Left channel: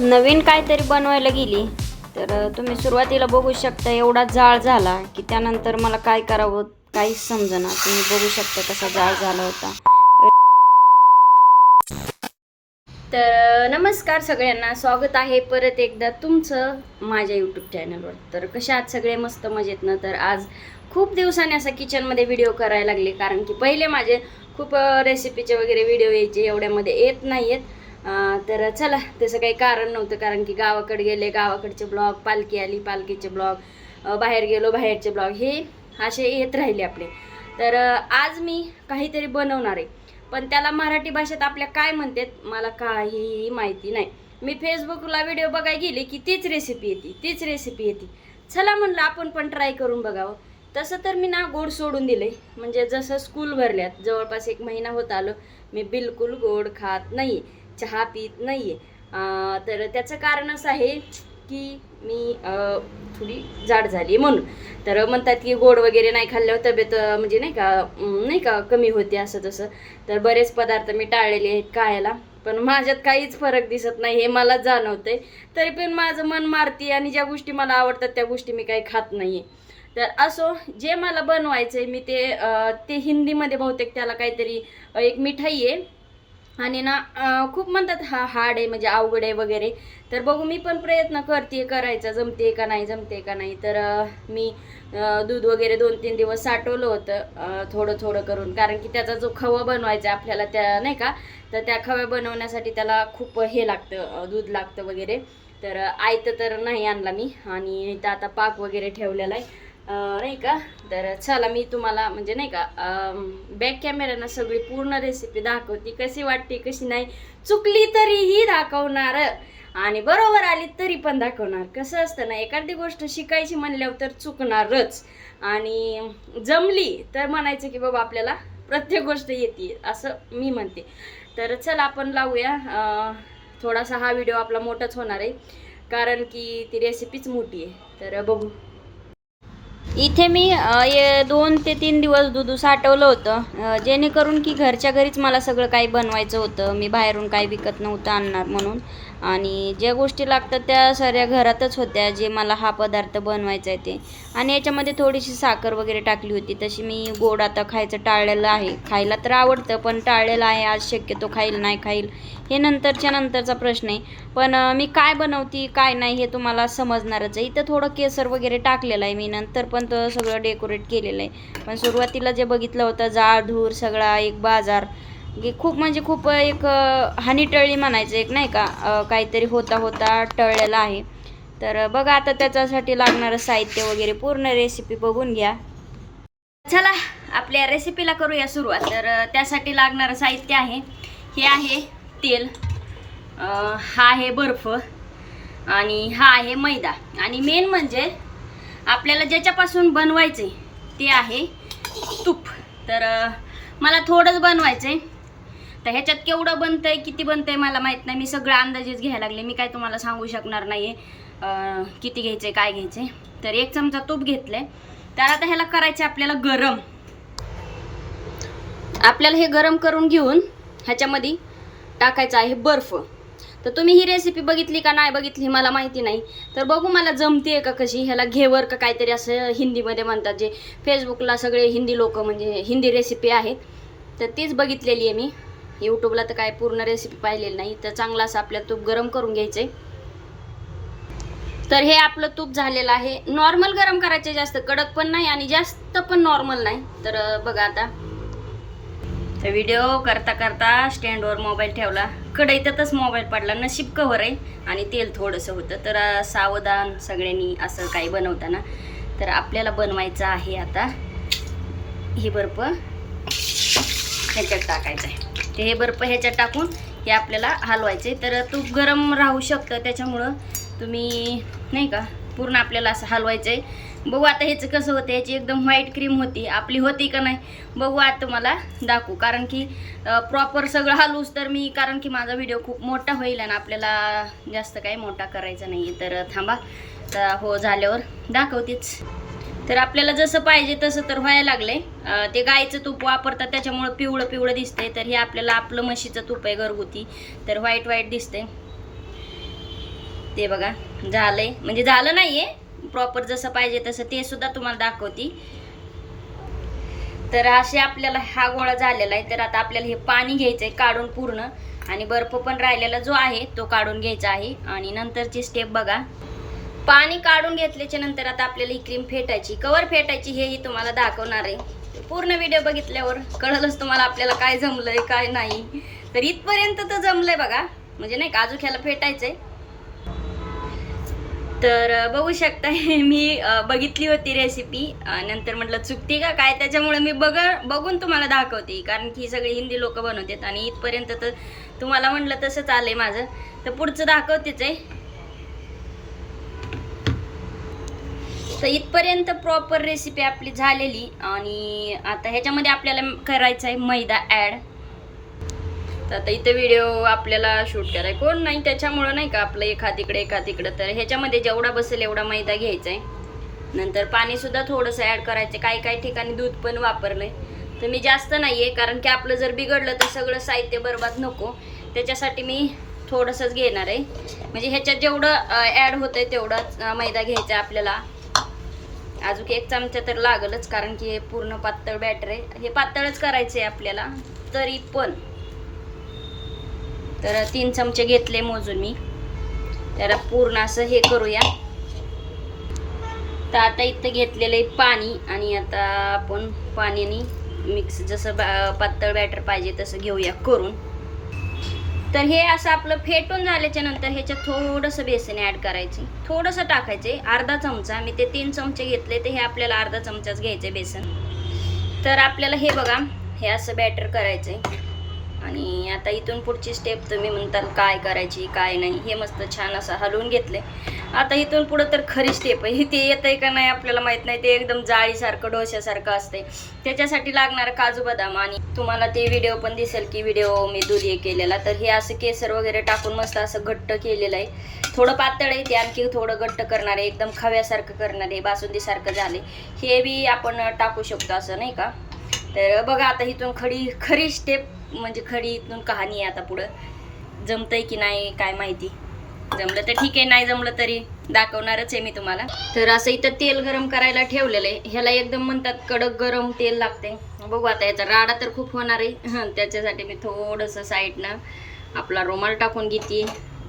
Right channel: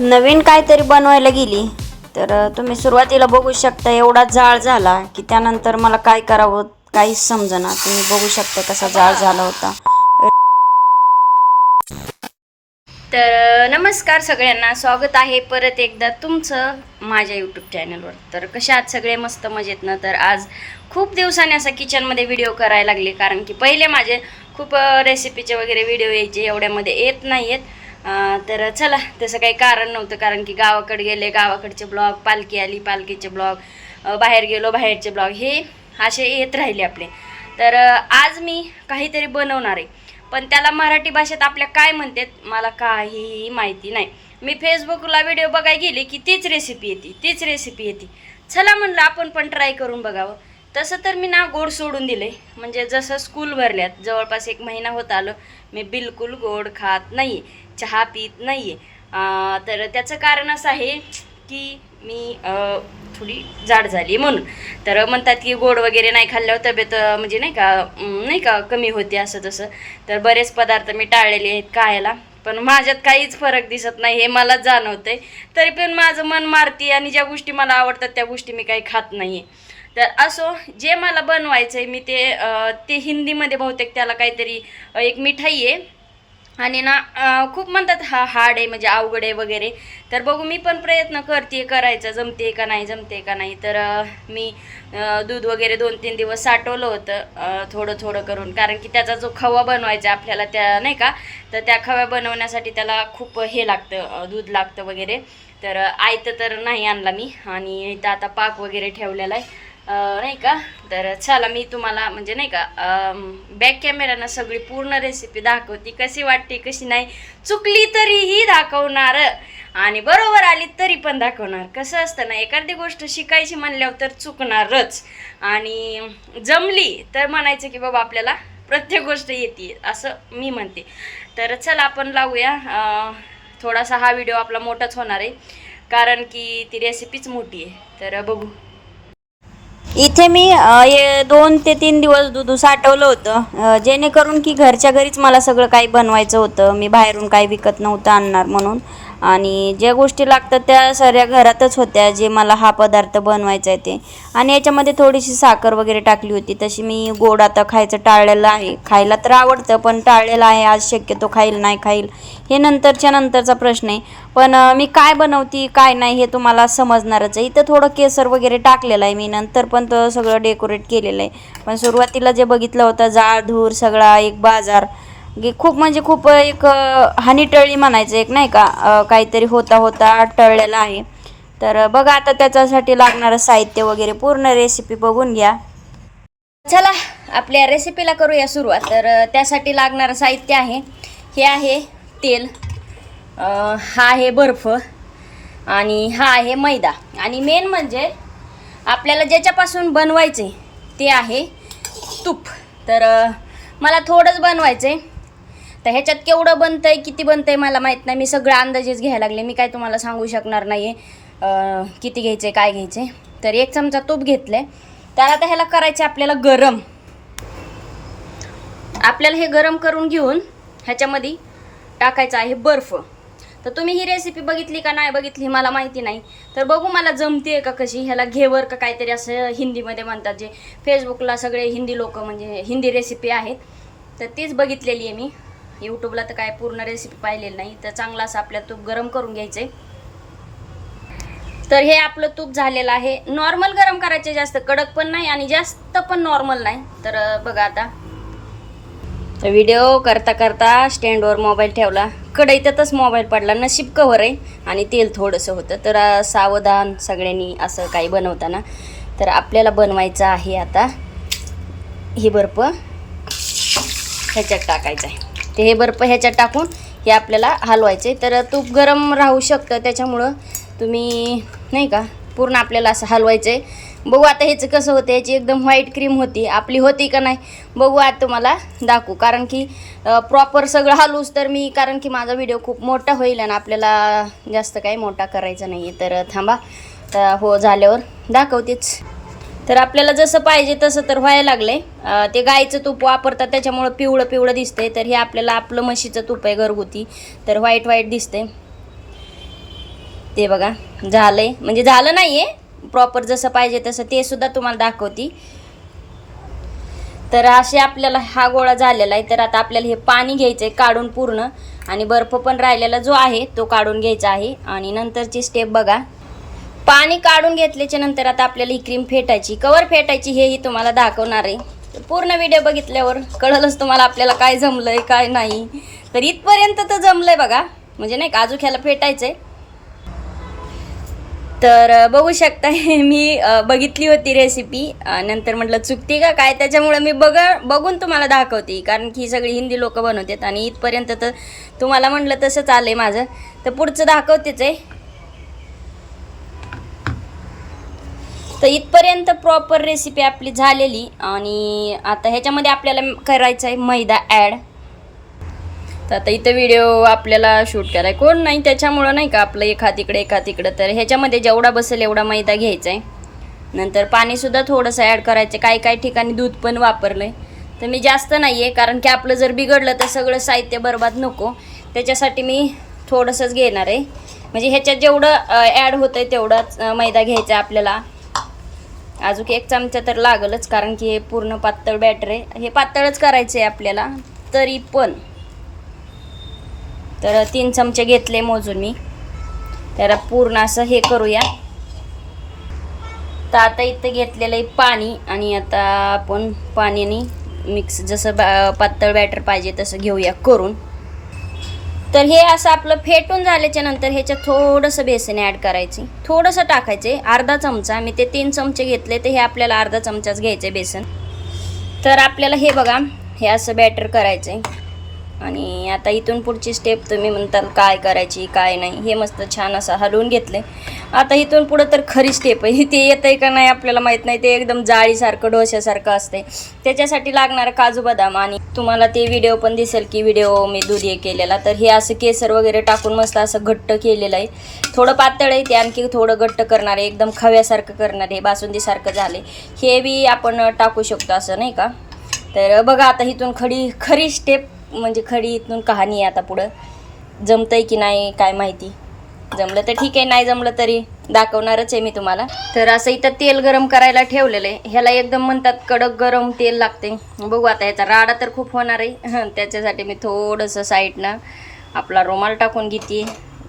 नवीन काहीतरी बनवायला गेली तर तुम्ही सुरुवातीला बघू शकता एवढा जाळ झाला की त्यानंतर मला काय करावं काहीच समजेना. तुम्ही बघू शकता कसा जाळ झाला होता. तर नमस्कार सगळ्यांना, स्वागत आहे परत एकदा तुमचं माझ्या यूट्यूब चॅनलवर. तर कशा आहात सगळे? मस्त मजेत ना? तर आज खूप दिवसांनी असा किचनमध्ये व्हिडिओ करायला लागले, कारण की पहिले माझे खूप रेसिपीचे वगैरे व्हिडिओ यायचे, एवढ्यामध्ये येत नाही आहेत. तर चला, तसं काही कारण नव्हतं, कारण की गावाकडे गेले, गावाकडचे ब्लॉग, पालखी आली पालखीचे ब्लॉग, बाहेर गेलो बाहेरचे ब्लॉग, हे असे येत राहिले आपले. तर आज मी काहीतरी बनवणार आहे, पण त्याला मराठी भाषेत आपल्या काय म्हणतात मला काहीही माहिती नाही. मी फेसबुकला व्हिडिओ बघायला गेले की तीच रेसिपी येते. चला म्हणलं आपण पण ट्राय करून बघावं. तसं तर मी ना गोड सोडून दिले, म्हणजे जसं स्कूल भरल्यात जवळपास 1 महिना होत आलं मी बिलकुल गोड खात नाही, चहा पित नाही आहे. तर त्याचं कारण असं आहे की मी थोडी जाड झाली म्हणून. तर म्हणतात की गोड वगैरे नाही खाल्ल्यावर तब्येत म्हणजे नाही का कमी होते असं तसं. तर बरेच पदार्थ मी टाळलेले आहेत खायला, पण माझ्यात काहीच फरक दिसत नाही हे मला जाणवतंय. तरी पण माझं मन मारती आणि ज्या गोष्टी मला आवडतात त्या गोष्टी मी काही खात नाही आहे. तर असो, जे मला बनवायचं आहे मी ते हिंदीमध्ये बहुतेक त्याला काहीतरी एक मिठाई आहे आणि ना खूप म्हणतात हार्ड आहे, म्हणजे अवघड आहे वगैरे. तर बघू, मी पण प्रयत्न करते करायचा, जमते का नाही. तर मी दूध वगैरे 2-3 दिवस साठवलं होतं थोडं थोडं करून, कारण की त्याचा जो खवा बनवायचा आपल्याला त्या नाही का, तर त्या खव्या बनवण्यासाठी त्याला खूप हे लागतं, दूध लागतं वगैरे. तर आयतं तर नाही आणला मी, आणि इथं आता पाक वगैरे ठेवलेला आहे नाही का. तर चला, मी तुम्हाला म्हणजे नाही का बॅक कॅमेरानं सगळी पूर्ण रेसिपी दाखवते, कशी वाटते कशी नाही. चुकली तरीही दाखवणार आणि बरोबर आली तरी पण दाखवणार. कसं असतं ना, एखादी गोष्ट शिकायची म्हणल्यावर तर चुकणारच, आणि जमली तर म्हणायचं की बाबा आपल्याला प्रत्येक गोष्ट येते, असं मी म्हणते. तर चला आपण लावूया. थोडासा हा व्हिडिओ आपला मोठाच होणार आहे, कारण की ती रेसिपीच मोठी आहे. तर बघू. इथे मी 2 ते 3 दिवस दूध साठवलं होतं, जेणेकरून की घरच्या घरीच मला सगळं काही बनवायचं होतं. मी बाहेरून काही विकत नव्हतं आणणार म्हणून, आणि ज्या गोष्टी लागतात त्या सगळ्या घरातच होत्या, जे मला हा पदार्थ बनवायचा आहे ते. आणि याच्यामध्ये थोडीशी साखर वगैरे टाकली होती. तशी मी गोड आता खायचं टाळलेलं आहे. खायला तर आवडतं पण टाळलेलं आहे. आज शक्यतो खाईल नाही खाईल हे नंतरचा प्रश्न आहे. पण मी काय बनवते काय नाही हे तुम्हाला समजणारच आहे. इथं थोडं केसर वगैरे टाकलेलं आहे मी, नंतर पण तर सगळं डेकोरेट केलेलं आहे. पण सुरुवातीला जे बघितलं होतं जाळ धूर सगळा एक बाजार, खूप म्हणजे खूप एक हानी टळली म्हणायचं एक नाही का, काहीतरी होता टळलेला आहे. तर बघा आता त्याच्यासाठी लागणारं साहित्य वगैरे पूर्ण रेसिपी बघून घ्या. चला आपल्या रेसिपीला करूया सुरुवात. तर त्यासाठी लागणारं साहित्य आहे, हे आहे तेल, हा आहे बर्फ, आणि हा आहे मैदा, आणि मेन म्हणजे आपल्याला ज्याच्यापासून बनवायचे ते आहे तूप. तर मला थोडंच बनवायचं आहे, तर ह्याच्यात केवढं बनतंय किती बनतंय मला माहीत नाही. मी सगळं अंदाजेच घ्यायला लागले, मी काय तुम्हाला सांगू शकणार नाही आहे किती घ्यायचं आहे काय घ्यायचं आहे. तर 1 चमचा तूप घेतलं आहे. तर आता ह्याला करायचं आपल्याला गरम. आपल्याला हे गरम करून घेऊन ह्याच्यामध्ये टाकायचं आहे बर्फ. तर तुम्ही ही रेसिपी बघितली का नाही बघितली मला माहिती नाही, तर बघू मला जमते का कशी. ह्याला घेवर का काहीतरी असं हिंदीमध्ये म्हणतात, जे फेसबुकला सगळे हिंदी लोक म्हणजे हिंदी रेसिपी आहेत, तर तीच बघितलेली आहे मी. यूट्यूबला तर काय पूर्ण रेसिपी पाहिलेली नाही. तर चांगलं असं आपल्याला तूप गरम करून घ्यायचं आहे. तर हे आपलं तूप झालेलं आहे. नॉर्मल गरम करायचे, जास्त कडक पण नाही आणि जास्त पण नॉर्मल नाही. तर बघा आता व्हिडिओ करता करता स्टँडवर मोबाईल ठेवला, कढईतच मोबाईल पडला, नशीब कवर आहे आणि तेल थोडंसं होतं. तर सावधान सगळ्यांनी असं काही बनवताना. तर आपल्याला बनवायचं आहे आता हे बर्फ ह्याच्यात टाकायचं आहे. ते हे बर्फ ह्याच्यात टाकून हे आपल्याला हलवायचे. तर तूप गरम राहू शकतं, त्याच्यामुळं तुम्ही नाही का पूर्ण आपल्याला असं हलवायचं आहे. बघू आता ह्याचं कसं होतं. ह्याची एकदम व्हाईट क्रीम होती, आपली होती का नाही बघू आता तुम्हाला दाखवू, कारण की प्रॉपर सगळं हलवूच तर मी, कारण की माझा व्हिडिओ खूप मोठा होईल आणि आपल्याला जास्त काही मोठा करायचा नाही आहे. तर थांबा, तर हो झाल्यावर दाखवतेच. तर आपल्याला जसं पाहिजे तसं तर व्हायला लागले. ते गाईचं तूप वापरतात त्याच्यामुळं पिवळं पिवळं दिसतंय. तर हे आपल्याला आपलं म्हशीचं तूप आहे घरगुती, तर व्हाईट व्हाईट दिसते. ते बघा झालंय, म्हणजे झालं नाही आहे प्रॉपर जसं पाहिजे तसं, ते सुद्धा तुम्हाला दाखवते. तर असे आपल्याला हा गोळा झालेला आहे. तर आता आपल्याला हे पाणी घ्यायचं आहे काढून पूर्ण, आणि बर्फ पण राहिलेला जो आहे तो काढून घ्यायचा आहे. आणि नंतरची स्टेप बघा, पाणी काढून घेतल्याच्या नंतर आता आपल्याला ही क्रीम फेटायची. कवर फेटायची हेही तुम्हाला दाखवणार आहे. पूर्ण व्हिडिओ बघितल्यावर कळलंच तुम्हाला आपल्याला काय जमलंय काय नाही. तर इथपर्यंत तर जमलंय बघा, म्हणजे नाही का अजून ह्याला फेटायचंय. तर बघू शकता मी बघितली होती रेसिपी, नंतर म्हटलं चुकती का काय, त्याच्यामुळे मी बघून तुम्हाला दाखवते, कारण की सगळी हिंदी लोक बनवतात. आणि इथपर्यंत तर तुम्हाला म्हटलं तसंच आलंय माझं, तर पुढचं दाखवतेच आहे. तर इथपर्यंत प्रॉपर रेसिपी आपली झालेली. आणि आता ह्याच्यामध्ये आपल्याला करायचं आहे मैदा ॲड. तर आता इथं व्हिडिओ आपल्याला शूट करायला कोण नाही, त्याच्यामुळं नाही का आपलं एक हात इकडं. तर ह्याच्यामध्ये जेवढा बसेल एवढा मैदा घ्यायचा आहे. नंतर पाणीसुद्धा थोडंसं ॲड करायचं. काही ठिकाणी दूध पण वापरलं आहे, तर मी जास्त नाही आहे, कारण की आपलं जर बिघडलं तर सगळं साहित्य बरबाद नको, त्याच्यासाठी मी थोडंसंच घेणार आहे. म्हणजे ह्याच्यात जेवढं ॲड होतं आहे तेवढंच मैदा घ्यायचा आहे आपल्याला. अजून 1 चमचा तर लागलच, कारण की हे पूर्ण पातळ बॅटर आहे, हे पातळच करायचं आहे आपल्याला. तरी पण तर 3 चमचे घेतले मोजून मी. त्याला पूर्ण असं हे करूया. तर आता इथं घेतलेलं आहे पाणी, आणि आता आपण पाण्याने मिक्स जसं पातळ बॅटर पाहिजे तसं घेऊया करून. तर हे असं आपलं फेटून झाल्याच्या नंतर ह्याच्यात थोडंसं बेसन ॲड करायचे, थोडंसं टाकायचे, अर्धा चमचा. मी ते 3 चमचे घेतले, तर हे आपल्याला अर्धा चमचाच घ्यायचे बेसन. तर आपल्याला हे बघा हे असं बॅटर करायचं आहे. आणि आता इथून पुढची स्टेप तुम्ही म्हणताल काय करायची काय नाही, हे मस्त छान असं हलवून घेतले. आता इथून पुढं तर खरी स्टेप आहे, ते येतं आहे का नाही आपल्याला माहीत नाही. ते एकदम जाळीसारखं डोश्यासारखं असते, त्याच्यासाठी लागणारं काजू बदाम. आणि तुम्हाला ते व्हिडिओ पण दिसेल की व्हिडिओ मी दूध हे केलेला. तर हे असं केसर वगैरे टाकून मस्त असं घट्ट केलेलं आहे. थोडं पातळ आहे ते, आणखी थोडं घट्ट करणार आहे, एकदम खव्यासारखं करणार आहे, बासुंदीसारखं झाले. हे बी आपण टाकू शकतो असं नाही का. तर बघा आता इथून खरी स्टेप, म्हणजे खरी इथून कहाणी आहे. आता पुढं जमतंय की नाही काय माहिती, जमलं तर ठीक आहे, नाही जमलं तरी दाखवणारच आहे मी तुम्हाला. तर असं इथं तेल गरम करायला ठेवलेलं आहे. ह्याला एकदम म्हणतात कडक गरम तेल लागते. बघू आता ह्याचा राडा तर खूप होणार आहे, त्याच्यासाठी मी थोडंसं साईडनं आपला रुमाल टाकून घेते,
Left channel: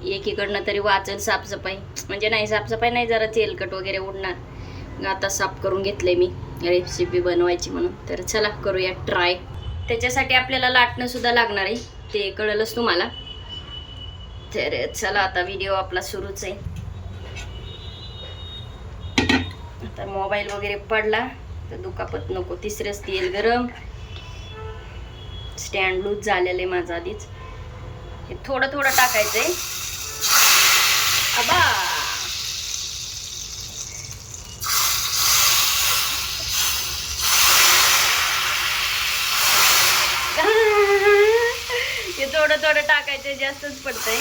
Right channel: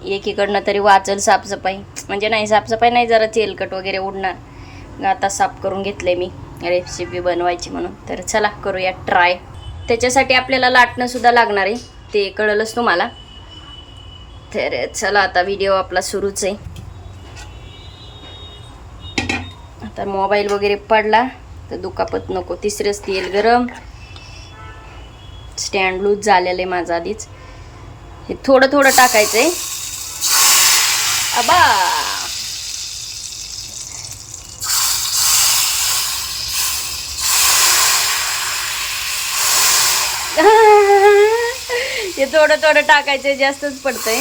एकीकडनं तरी वाचल साफसफाई. म्हणजे नाही साफसफाई नाही, जरा तेलकट वगैरे उडणार. आता साफ करून घेतलंय मी रेसिपी बनवायची म्हणून. तर चला करूया ट्राय. त्याच्यासाठी आपल्याला लाटणं सुद्धा लागणार आहे, ते कळलंच तुम्हाला. तर चला आता व्हिडिओ आपला सुरूच आहे. आता मोबाईल वगैरे पडला तर दुखापत नको. तिसरंच तेल गरम, स्टँड लूज झालेलं आहे माझं आधीच. हे थोडं टाकायचं आहे. अबा हे थोडं टाकायचं, जास्तच पडतंय.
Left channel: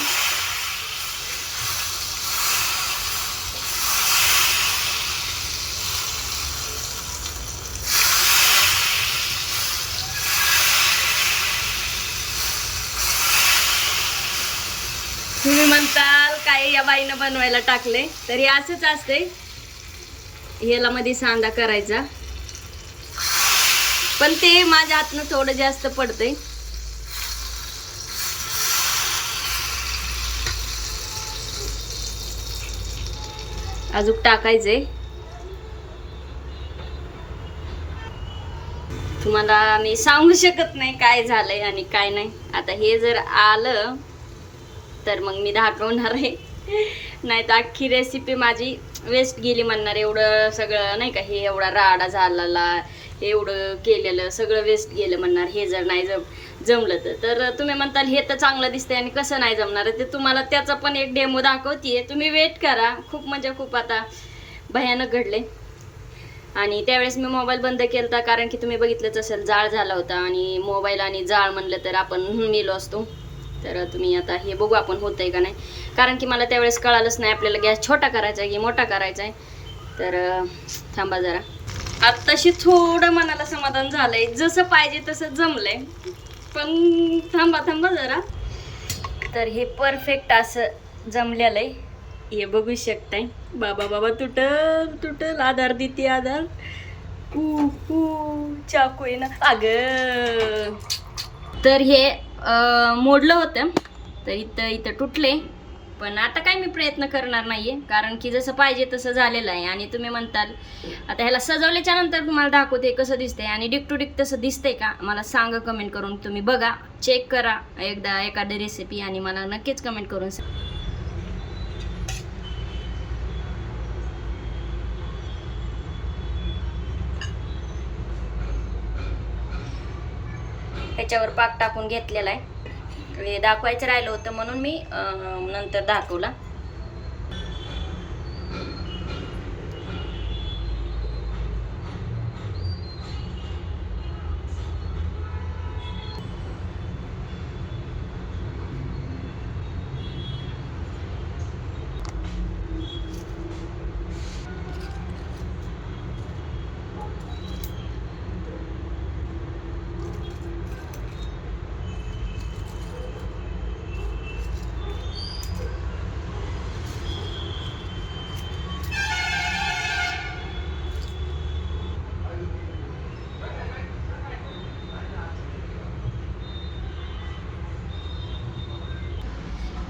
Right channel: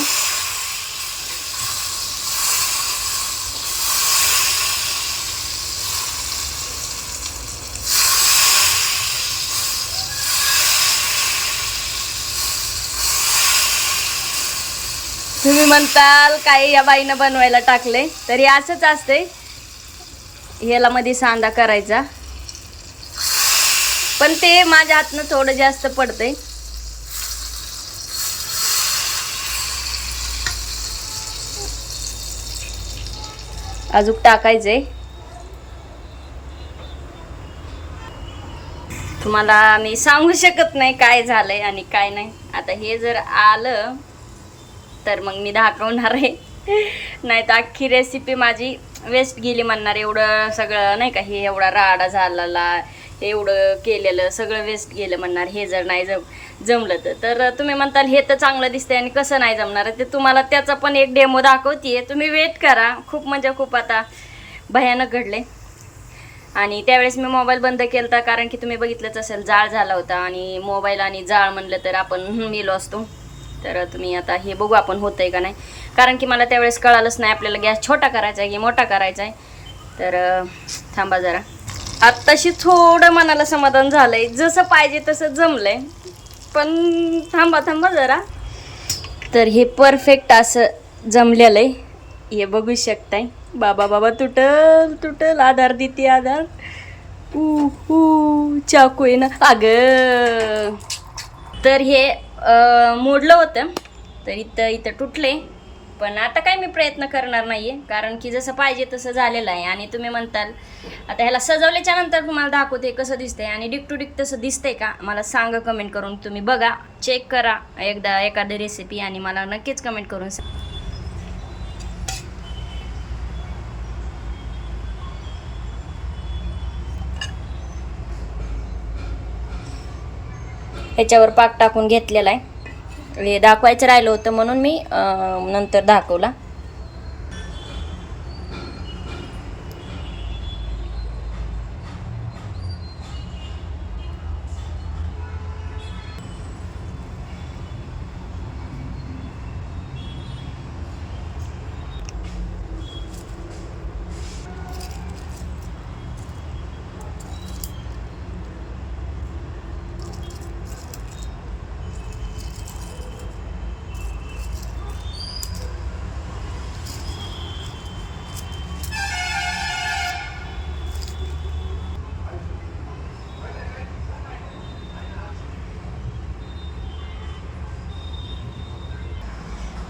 तुम्ही म्हणताल काय या बाईनं बनवायला टाकले, तरी असंच असते. याला मध्ये सांदा करायचा, पण ते माझ्या हातनं थोडं जास्त पडतंय. अजून टाकायचे. तुम्हाला मी सांगू शकत नाही काय झालंय आणि काय नाही. आता हे जर आलं तर मग मी दाखवणार आहे, नाही तर अख्खी रेसिपी माझी वेस्ट गेली म्हणणार. एवढं सगळं नाही का, हे एवढा राडा झालेला, एवढं केलेलं सगळं वेस्ट गेलं म्हणणार. हे जर नाही जमलं तर तुम्ही म्हणताल हे तर चांगलं दिसतंय आणि कसं नाही जमणार, ते तुम्हाला त्याचा पण एक डेमो दाखवते. तुम्ही वेट करा. खूप म्हणजे खूप आता भयानक घडले. आणि त्यावेळेस मी मोबाईल बंद केला, कारण की तुम्ही बघितलंच असेल जाळ झाला होता. आणि मोबाईल आणि जाळ म्हणलं तर आपण मेलो असतो. तर तुम्ही आता हे बघू आपण होतंय का नाही, कारण की मला त्यावेळेस कळालंच नाही आपल्याला गॅस छोटा करायचा आहे की मोठा करायचा आहे. तर थांबा जरा. आत्ताशी थोडं मनाला समाधान झालंय, जसं पाहिजे तसं जमलंय. पण थांबा जरा. तर हे परफेक्ट असं जमलेलं आहे. हे बघू शकताय. बाबा बाबा तुटल तुटल, आधार देते आधार. चाकू आहे ना अगं. तर हे मोडलं होतं, तर इथं इथं तुटले. पण आता काय मी प्रयत्न करणार नाहीये, कारण की जसं पाहिजे तसं झालेलं आहे. आणि तुम्ही म्हणताल आता ह्याला सजवल्याच्या नंतर तुम्हाला दाखवते कसं दिसतंय, आणि डिक टू डिक तसं दिसतंय का मला सांगा कमेंट करून. तुम्ही बघा, चेक करा एकदा एखादी रेसिपी, आणि मला नक्कीच कमेंट करून सांगा. ह्याच्यावर पाक टाकून घेतलेला आहे. हे दाखवायचं राहिलं होतं म्हणून मी नंतर दाखवला.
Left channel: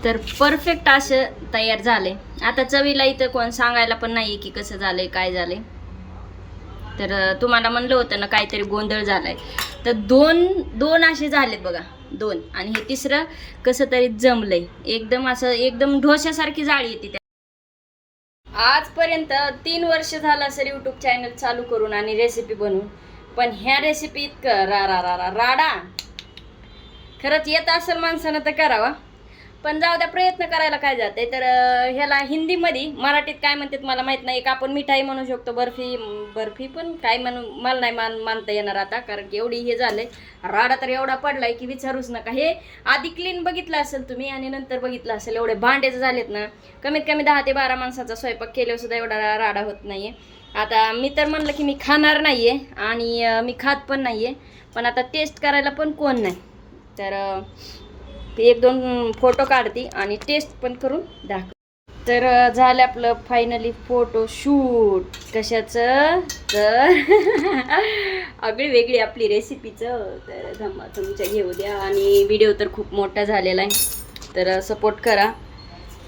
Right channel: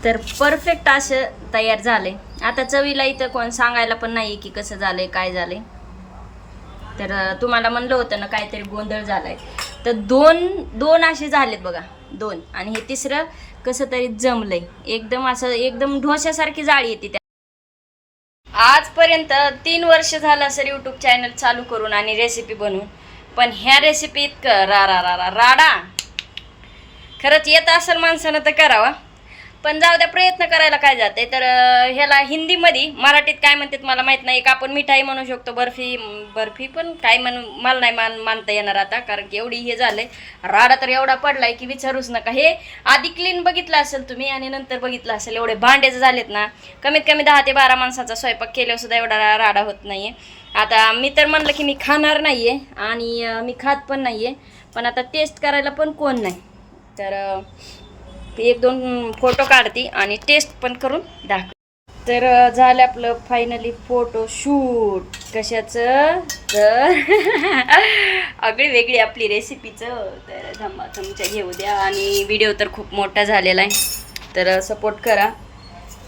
तर परफेक्ट असं तयार झालंय. आता चवीला इथं कोण सांगायला पण नाही की कसं झालंय काय झालंय. तर तुम्हाला म्हणलं होतं ना काहीतरी गोंधळ झालाय, तर दोन असे झालेत बघा, 2. आणि हे तिसरं कसं तरी जमलंय. एकदम असं एकदम ढोश्यासारखी जाळी येते त्या. आजपर्यंत 3 वर्ष झालं सर यूट्यूब चॅनल चालू करून आणि रेसिपी बनवून, पण ह्या रेसिपी इतकं राडा खरंच येत असेल माणसानं तर करावा. पण जाऊ द्या, प्रयत्न करायला काय जाते. तर ह्याला हिंदीमध्ये, मराठीत काय म्हणतात मला माहीत नाही. एक आपण मिठाई म्हणू शकतो, बर्फी पण काय मला नाही मानता येणार आता, कारण की एवढी हे झालंय. राडा तर एवढा पडलाय की विचारूच नका. हे आधी क्लीन बघितलं असेल तुम्ही आणि नंतर बघितलं असेल, एवढे भांडेच झालेत ना. कमीत कमी 10 ते 12 माणसाचा स्वयंपाक केल्यावर सुद्धा एवढा राडा होत नाहीये. आता मी तर म्हणलं की मी खाणार नाहीये आणि मी खात पण नाहीये, पण आता टेस्ट करायला पण कोण नाही. तर 1-2 फोटो काढते आणि टेस्ट पण करून दाखव. तर झालं आपलं फायनली फोटो शूट. कशाचं तर आगळी वेगळी आपली रेसिपीचं. तर तुमच्या घेऊ द्या. आणि व्हिडिओ तर खूप मोठा झालेला आहे, तर सपोर्ट करा.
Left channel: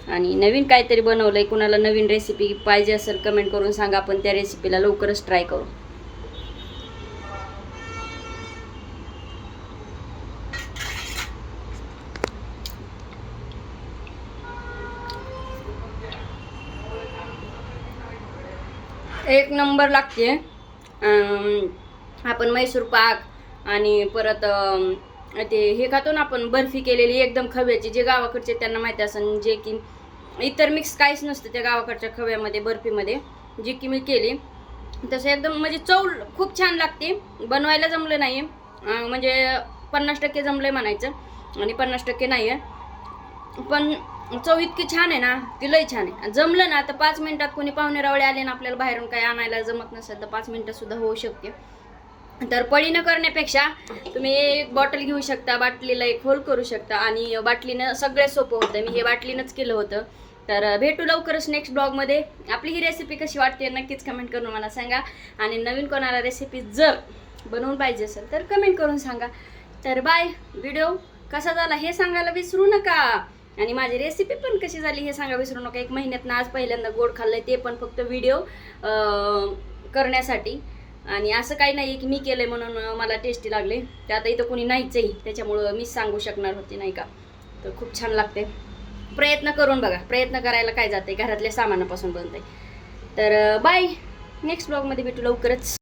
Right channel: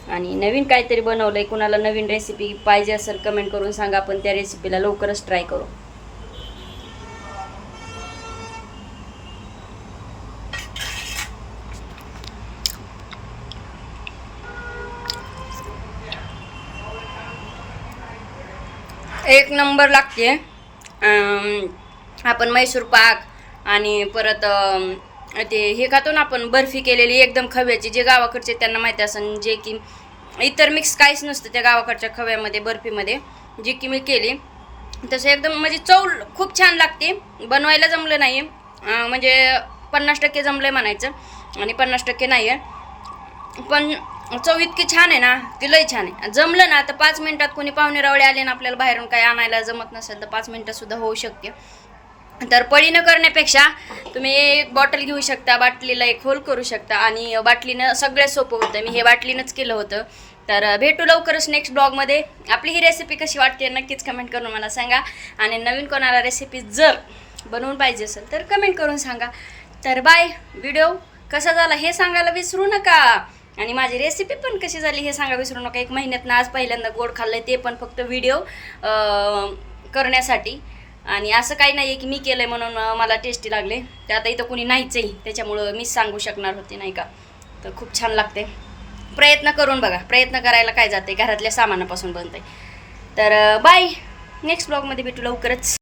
आणि नवीन काहीतरी बनवलं आहे, कुणाला नवीन रेसिपी पाहिजे असेल कमेंट करून सांगा, आपण त्या रेसिपीला लवकरच ट्राय करू. एक नंबर लागते. आपण मैसूर पाक आणि परत ते हे खातो ना आपण, बर्फी केलेली एकदम खव्याची, जे गावाकडचे त्यांना माहिती असेल, जे की इतर मिक्स काहीच नसतं त्या गावाकडच्या खव्यामध्ये बर्फीमध्ये, जी की मी केली तसं एकदम म्हणजे चव खूप छान लागते. बनवायला जमलं नाही म्हणजे 50% जमलं आहे म्हणायचं, आणि 50% नाही आहे. पण चव इतकी छान आहे ना की लई छान आहे. जमलं ना तर 5 मिनिटात, कोणी पाहुणे रावळे आले ना आपल्याला बाहेरून काही आणायला जमत नसेल तर 5 मिनिटात सुद्धा होऊ शकते. तर पळीनं करण्यापेक्षा तुम्ही एक बॉटल घेऊ शकता, बाटलीला एक होल करू शकता, आणि बाटलीनं सगळ्यात सोपं होतं. मी हे बाटलीनंच केलं होतं. तर भेटू लवकरच नेक्स्ट ब्लॉगमध्ये. आपली ही रेसिपी कशी वाटते नक्कीच कमेंट करून मला सांगा. आणि नवीन कोणाला रेसिपी जर बनवून पाहिजे असेल तर कमेंट करून सांगा. तर बाय. व्हिडिओ कसा झाला हे सांगायला विसरू नका, आणि माझी रेसिपी पण कशी झाली हे सांगा विसरू नका. 1 महिन्यातनं आज पहिल्यांदा गोड खाल्लं आहे, ते पण फक्त व्हिडिओ करण्यासाठी. आणि असं काही नाही आहे की मी केलं आहे म्हणून मला टेस्टी लागले. ते आता इथं कोणी नाहीच आहे, त्याच्यामुळं मीच सांगू शकणार होते नाही का. तर खूप छान लागते. प्रयत्न करून बघा, प्रयत्न करायला काय जाते, घरातल्या सामानापासून बनते. तर बाय. नेक्स्ट ब्लॉगमध्ये भेटू लवकरच.